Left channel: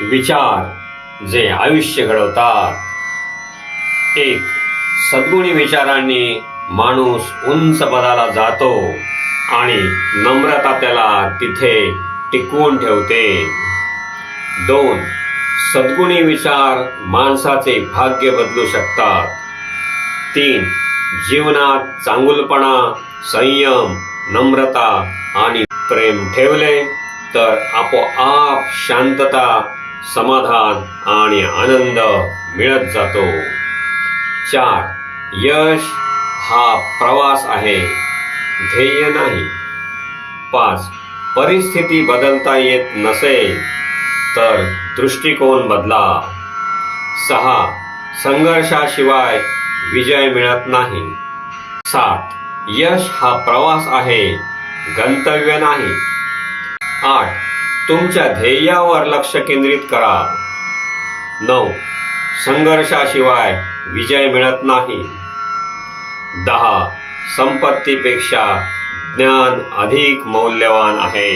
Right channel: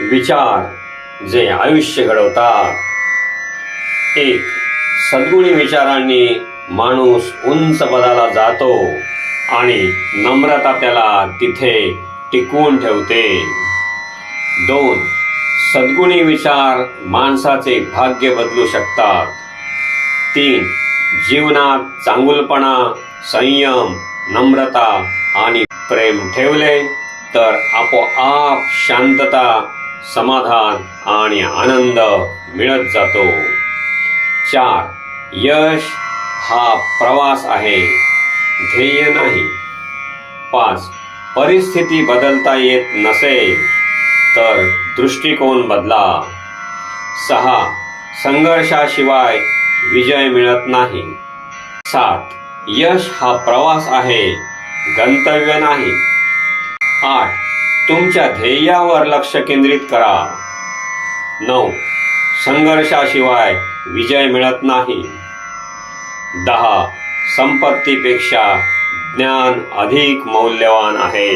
विचार जे आयुष्य घडवतात. 1. सद्गुणी विचारांनी माणूस उंच पदाला जातो आणि नम्रता त्याला तिथे टिकवून ठेवते. 2. सद्गुणी विचार माणसाचे भाग्य बदलू शकतात. 3. जीवनात चांगुलपणा, संयम, नम्रता आणि प्रेम ठेवले तर आपोआप शांतता, समाधान आणि आनंद मिळत जातो. 4. यश हा प्रवास आहे, ध्येय नाही. 5. परिस्थिती बदलता येत नसेल तर दृष्टिकोन बदला. 6. संघर्षाशिवाय विजय मिळत नाही. 7. यश हा प्रवास आहे, गंतव्य नाही. 8. तुमच्या ध्येयावर लक्ष केंद्रित करा. 9. संघर्षाशिवाय विजय मिळत नाही. 10. संपत्तीपेक्षा ज्ञान अधिक मौल्यवान आहे.